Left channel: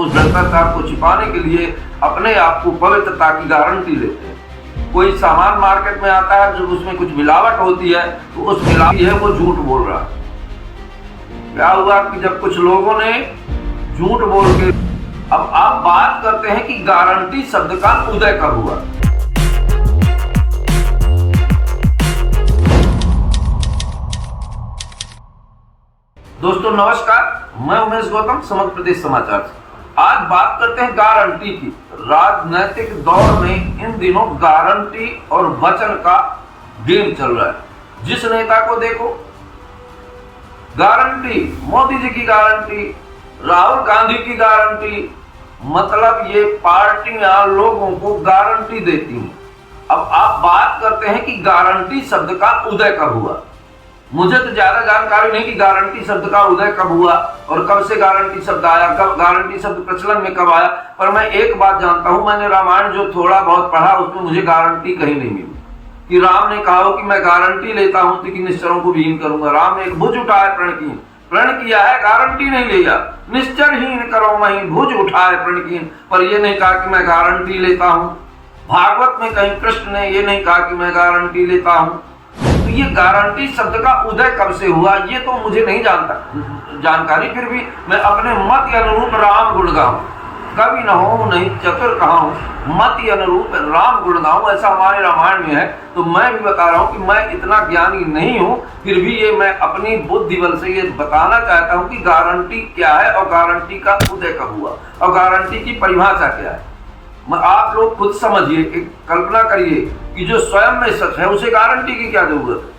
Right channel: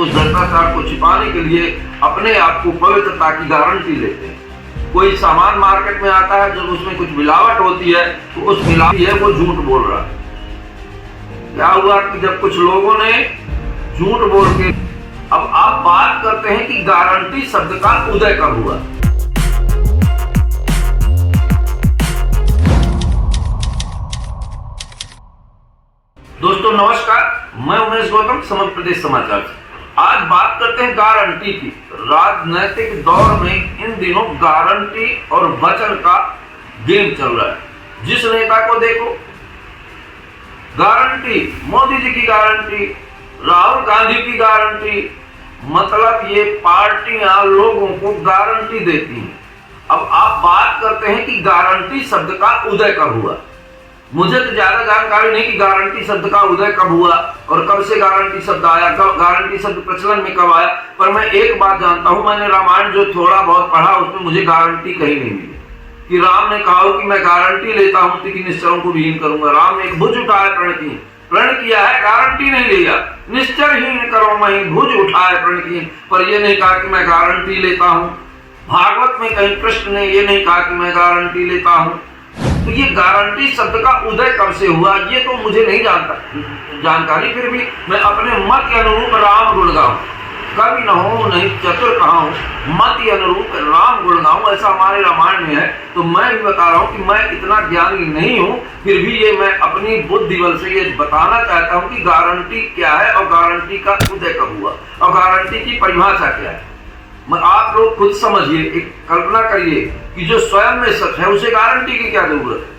तो उस भ्रष्टाचार को छिपाने के लिए अपने आप को पवित्रता की गारंटी लेते हैं। कोई सामान मार्केट में आता है जब उसमें कुछ मिलावट होती है तो उस मिलावट है वो झूठ बोल रहा है। क्या हुआ कि जब कुछ लोगों ने झूठ बोल के, अब आप बात करते हैं कि गारंटी शब्द का उदय कब हुआ। दोस्तों नमस्कार, मैं उमेश गौतम, समग्र प्रदेश समाचार से। आज बात करते हैं गारंटी की। राजनीतिक दौर में इन दिनों गारंटी और वचन का गेम चल रहा है। जिस नेता को देखो गारंटी, मोदी जी की गारंटी, राहुल गांधी की गारंटी, मतलब ये पार्टियां लोगों को गारंटी देती हैं। अब आप बात करते हैं कि गारंटी शब्द का उदय कब हुआ। मुझे तो ज्यादा जानकारी नहीं कि गारंटी शब्द का उदय कब हुआ और कब से गारंटी शब्द आया, कब गारंटी शब्द प्रचलन में कब आया। पर मैं एक बात जानता हूं, मैंने रामायण जो थोड़ा बहुत पढ़ा उसमें मुझे गारंटी कहीं नहीं मिली कि राम ने कहा हो कि मैं गारंटी लेता हूं कि निश्चरों को विहीन करूंगा। राम ने एक भुज उठाया प्रण किया है, गारंटी नहीं लिया। निश्चरहीन करो मही भुज उठाए प्रण की, पर यह नहीं कहा कि मैं गारंटी लेता हूं। भागवत में कहीं कृष्ण ने यह नहीं कहा कि मैं गारंटी लेता हूं। तो ये गारंटी शब्द का उदय कब से हुआ ये तो मुझे नहीं जानकारी, फिर भी मैं अपने मत के अनुरूप राम गुण गाऊं। कवि न हो नहीं चतुर कहाऊं, मत के अनुरूप राम गुण गाऊं, ऐसा हमारे रामायण में है। तो मैं भी बता रहा हूं कि मैं इतना ज्ञानी नहीं हूं, फिर भी ये मैं अपनी बुद्धि बल से ये बताना चाहता हूं कि गारंटी क्या है और गारंटी का उदय कब हुआ और गारंटी की परिभाषा क्या है। आप लोग खुद समझिए, एक कल्पना करिए कि जो स्वयं में सच है उसे गारंटी की क्या जरूरत है।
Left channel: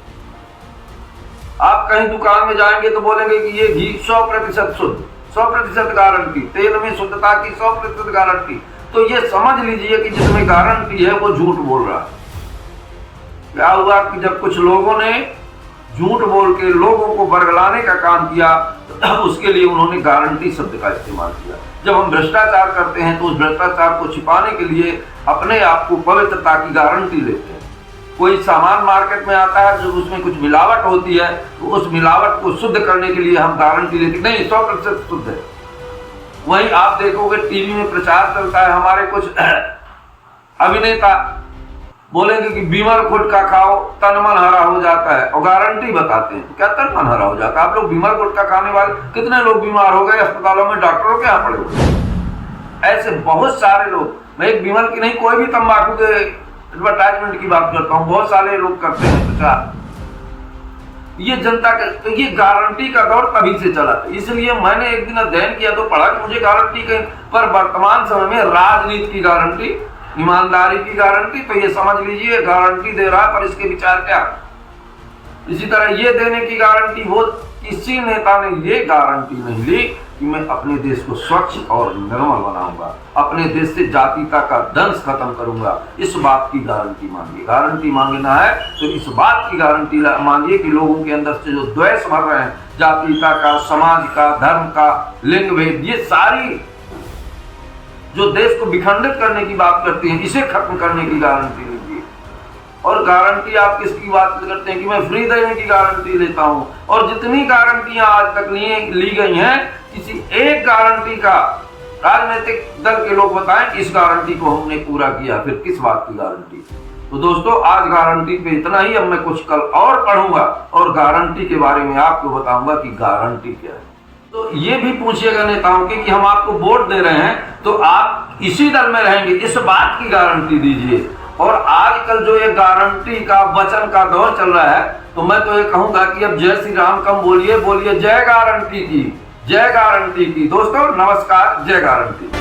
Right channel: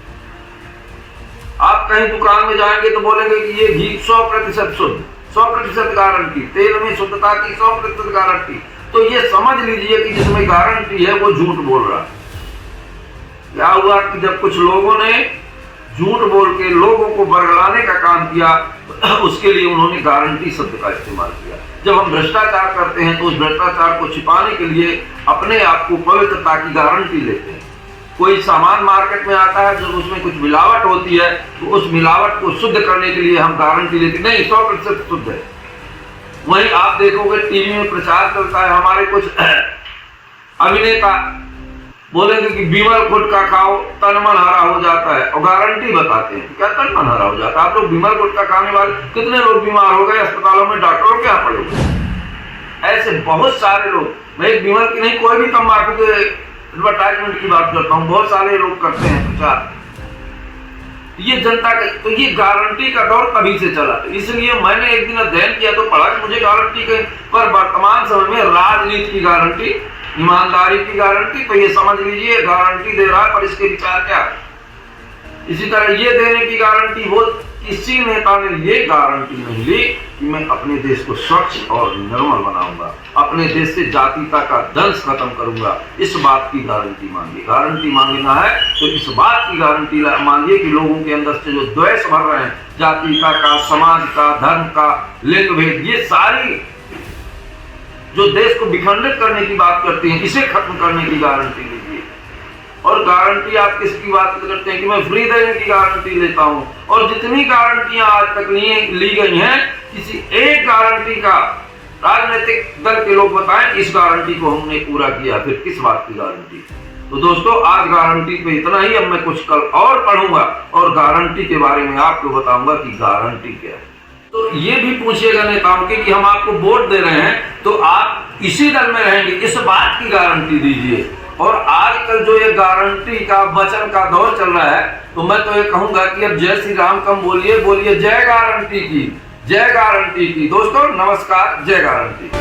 आप कहीं दुकान में जाएंगे तो बोलेंगे कि ये घी 100% शुद्ध, 100% गारंटी, तेल में शुद्धता की 100% गारंटी। तो ये समझ लीजिए कि जिसमें गारंटी है वो झूठ बोल रहा है। क्या हुआ कि जब कुछ लोगों ने झूठ बोल के लोगों को बरगलाने का काम किया उसके लिए उन्होंने गारंटी शब्द का इस्तेमाल किया। जब हम भ्रष्टाचार करते हैं तो उस भ्रष्टाचार को छिपाने के लिए अपने आप को पवित्रता की गारंटी लेते हैं। कोई सामान मार्केट में आता है जब उसमें कुछ मिलावट होती है तो उस मिलावट को शुद्ध करने के लिए हम गारंटी लेते हैं, नहीं 100% शुद्ध है। वहीं आप देखोगे टीवी में प्रचार चलता है, हमारे कुछ अभिनेता बोलेंगे कि बिमल गुटखा खाओ तन मन हरा हो जाता है और गारंटी बताते हैं। क्या तन मन हरा हो जाता है? आप लोग बिमल गुटखा खाने वाले कितने लोग बीमार हो गए अस्पतालों में, डॉक्टरों के यहाँ पड़े हुए। ऐसे बहुत सारे लोग, मैं एक बिमल की नहीं कोई भी तंबाकू के एडवर्टाइजमेंट की बात करता हूँ, बहुत सारे लोग करते हैं प्रचार। ये जनता का, तो ये गारंटी का दौर तभी से चला। इसलिए मैंने एक दिन अध्ययन किया तो पढ़ा कि मुझे गारंटी के, पर वर्तमान समय में राजनीति की गारंटी, ईमानदारी की गारंटी, तो ये समझ लीजिए गारंटी दे रहा है, पर इसके विचार क्या। इसी तरह ये देने की गारंटी, वो किसी नेता ने ये गारंटी नहीं ली कि मैं अपने देश को स्वच्छ और निर्मल बनाऊंगा, अपने देश से जातीयता का दंश खत्म करूंगा। इस बात की गारंटी मांगिए। गारंटी मांगना है तो इस बात की गारंटी मांगिए कि लोगों के अंदर से जो द्वेष भर रहे हैं, जातीयता का, समाज का, धर्म का, लिंग भेद, ये सारी जो देश को विखंडित करने की बात करती हैं, इसे खत्म करने की गारंटी लीजिए। और गारंटी आप किसकी बात करते हैं कि मैं फ्री देने की गारंटी लेता हूं, और जितनी गारंटियां आज तक ली गई हैं, किसी एक गारंटी का राजनीतिक दल के लोग बताएं इस गारंटी को हमने पूरा किया, फिर किस बात की गारंटी। तो दोस्तों आज गारंटी पे इतना ही। अब मैं कुछ कल और पढ़ूंगा और गारंटी के बारे में आपको बताऊंगा कि गारंटी क्या है। तो ये भी पूछिएगा नेताओं के कि हम आपको वोट दे रहे हैं तो आप इसी दल में रहेंगे, इस बात की गारंटी दीजिए। और आजकल जो ये गारंटी का वचन का दौर चल रहा है, तो मैं तो ये कहूंगा कि अब जय श्री राम कम बोलिए, जय गारंटी की, जय गारंटी की। दोस्तों नमस्कार, जय गारंटी।